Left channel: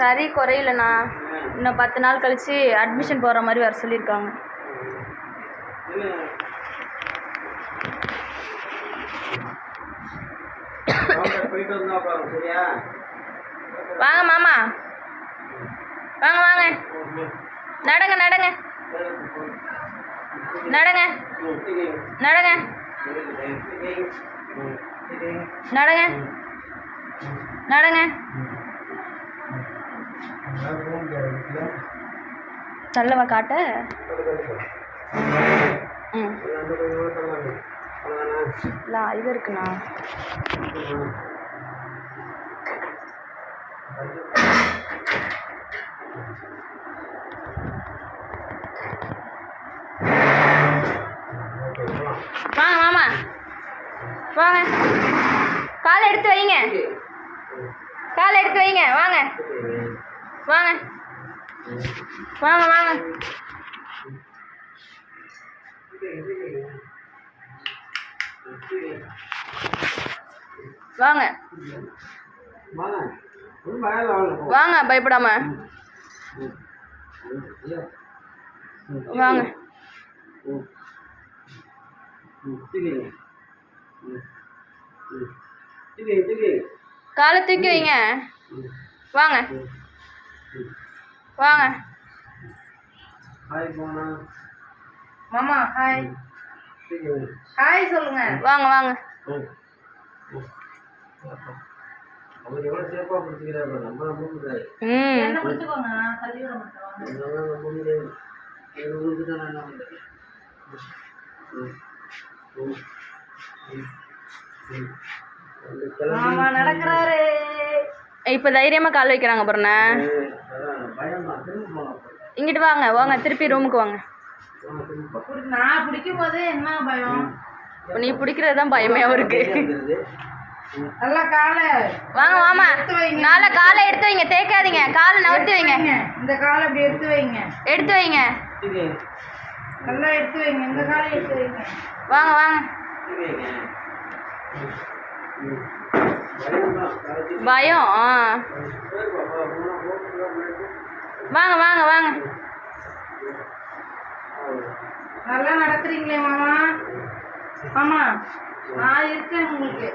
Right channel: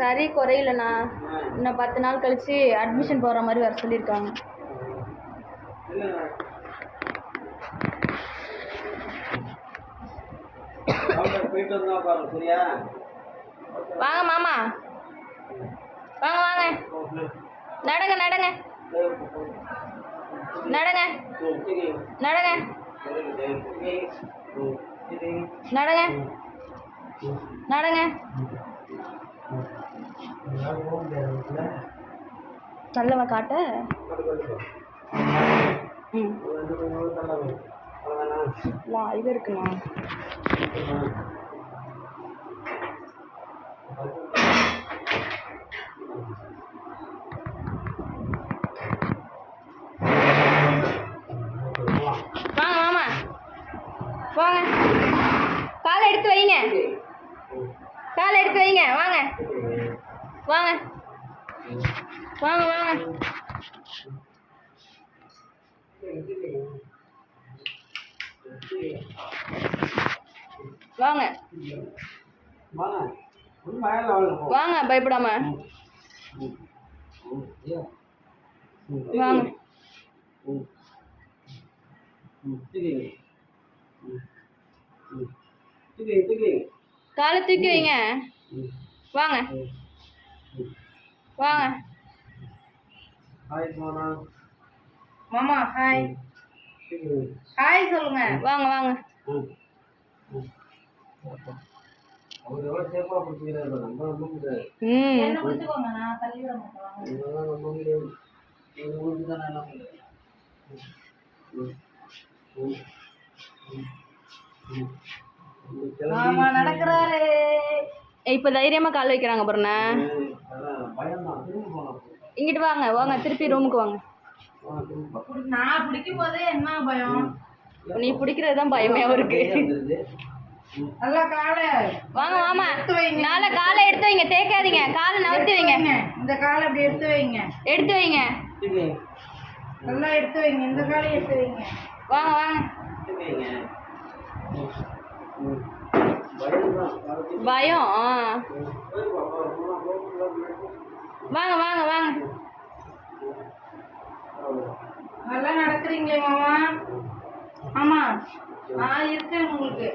சரி குறையிலண்ணா. இன்னும் 10 நாள் கழிச்சு அட்மிஷன் போடுற மாதிரி வர சொல்லியிருக்காங்க. வாங்க மாமா, வாங்க வாங்க, நடங்க நடங்க நடங்க நடங்க நடங்க நடங்க. தள்ளவா காட்ட? ம் இல்லை இது இருக்குண்ணா. வாங்க மாமா, வாங்க, காலை எடுத்து வைங்க, காலை எடுத்து வைங்க. வாங்க வாங்க வாங்க வாங்க. வாங்க வாங்க, பயப்படாம வாங்க. காலை தூக்கி வைங்க. வாங்க வாங்க மாமா. ஹாய் ஹாய் சொல்லுங்க. வாங்க வாங்க. மாமா நடக்கிறாரு. இப்ப தைரியமா கால் வைக்கிறாங்க பாருண்ணா. இங்கிட்டு வாங்க வாங்க, திருப்பி ரூமுக்கு வாங்க. நான் பிடிக்கும் போதே என்ன பயம், நீ பிடிக்கிறது தான் பயமே அவருக்கு. நல்லா காலை வாங்க மாமா, நாளை காலை எடுத்து வைங்க, தேய்க்காதீங்க, காலை நவுத்தி வைங்க. இந்த காலை அப்படி எடுத்து வைங்க, எடுத்து வைங்க, நல்லா எடுத்து வைங்க, இந்த காலை எடுத்து வைங்க. வாங்க வாங்க. பயம். வாங்க வாங்க வாங்க. நல்லா நடத்துறீங்களே மாமா. ஆமா, நான் இருக்கேன் உங்களுக்கு.